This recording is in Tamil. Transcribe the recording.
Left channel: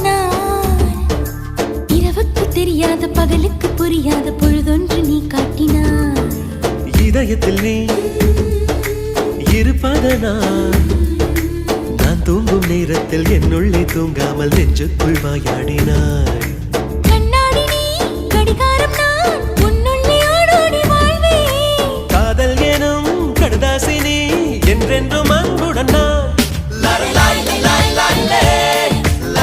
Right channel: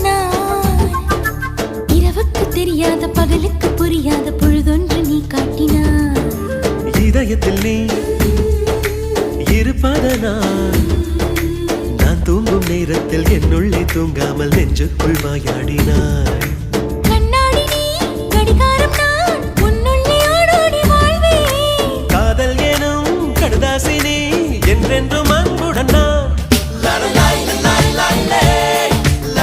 நான் இரவுக்கு தெரியாத பகலுக்கு புரியாத பொழுதொன்று நீ காட்டினாய். இதயத்தில் நீ இருப்பதனால் நான் தூங்கும் நேரத்தில் என்னுள்ளே தூங்காமல் நெஞ்சுக்குள் வாயாடினாய். கண்ணாடி நீ கடிகாரம் நான் உன்னுள்ளே ஓடோடி வாழ்வே. காதல் எனும் கடுதாசி நீ என்றென்றும் அன்புடன் நான்